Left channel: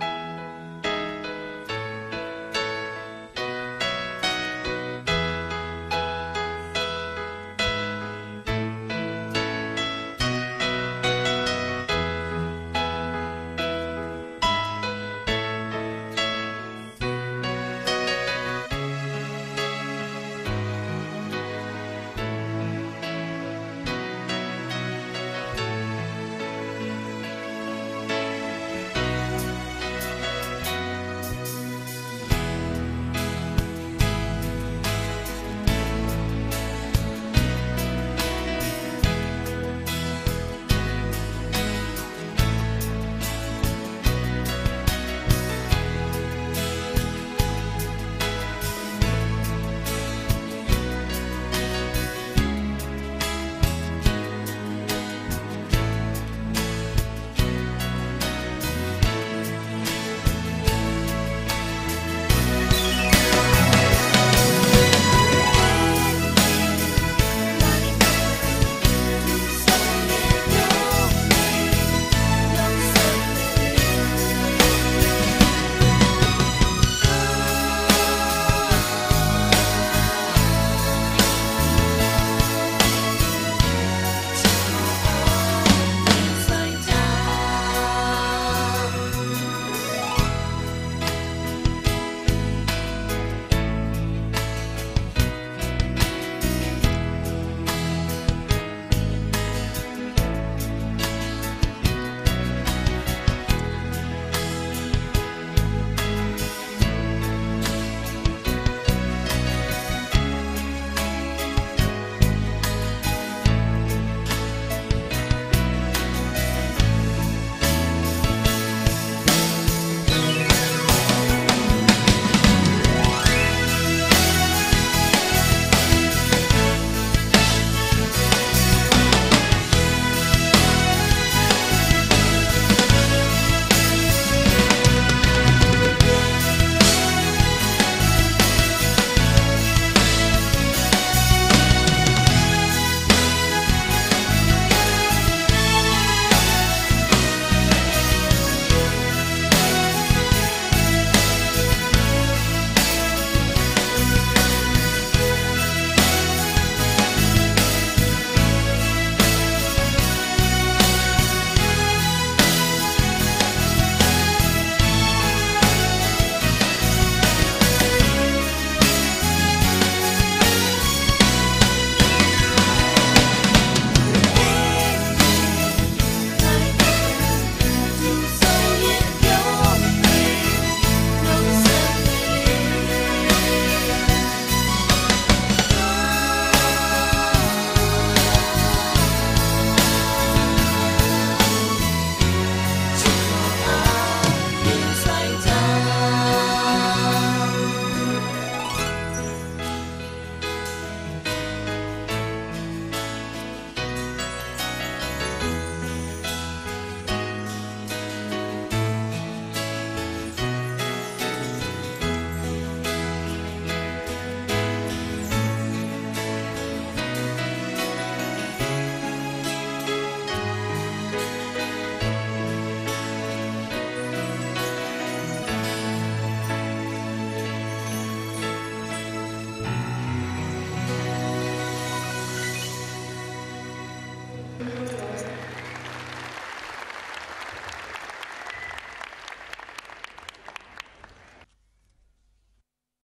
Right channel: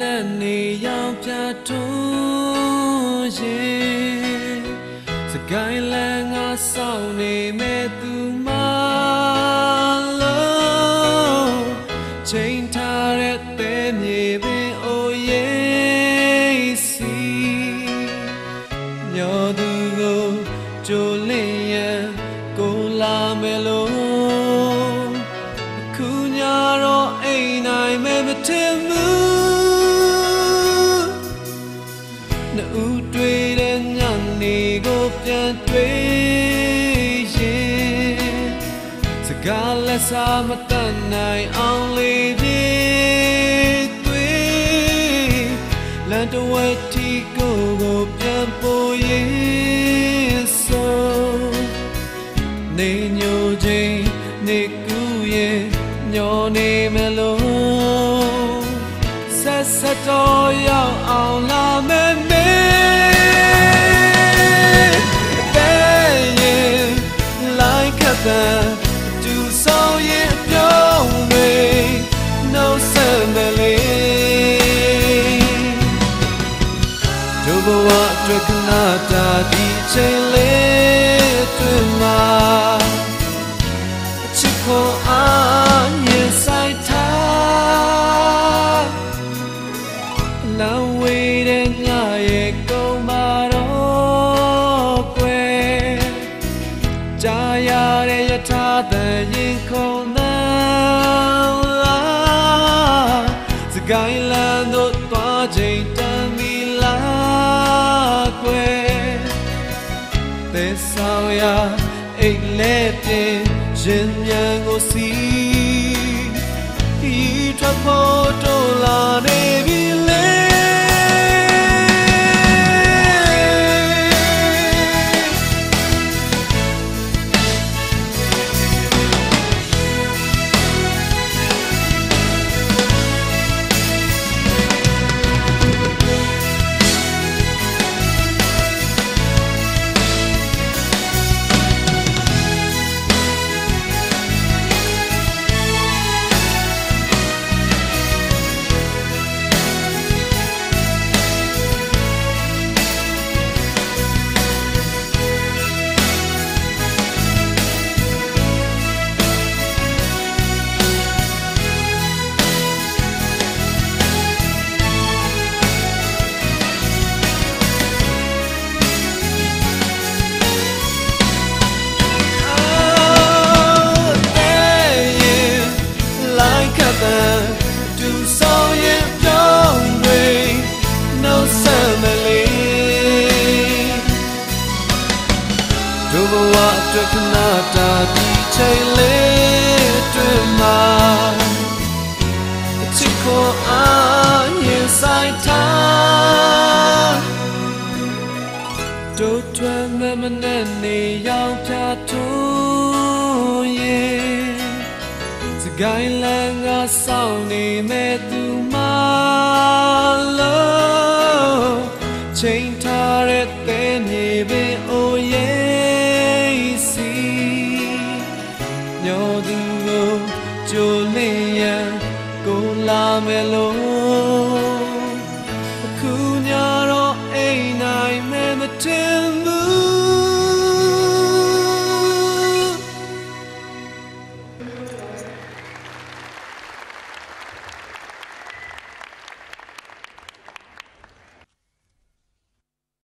နဲ့နေရောက်ပြတ်တူးရေ để nhớ cuando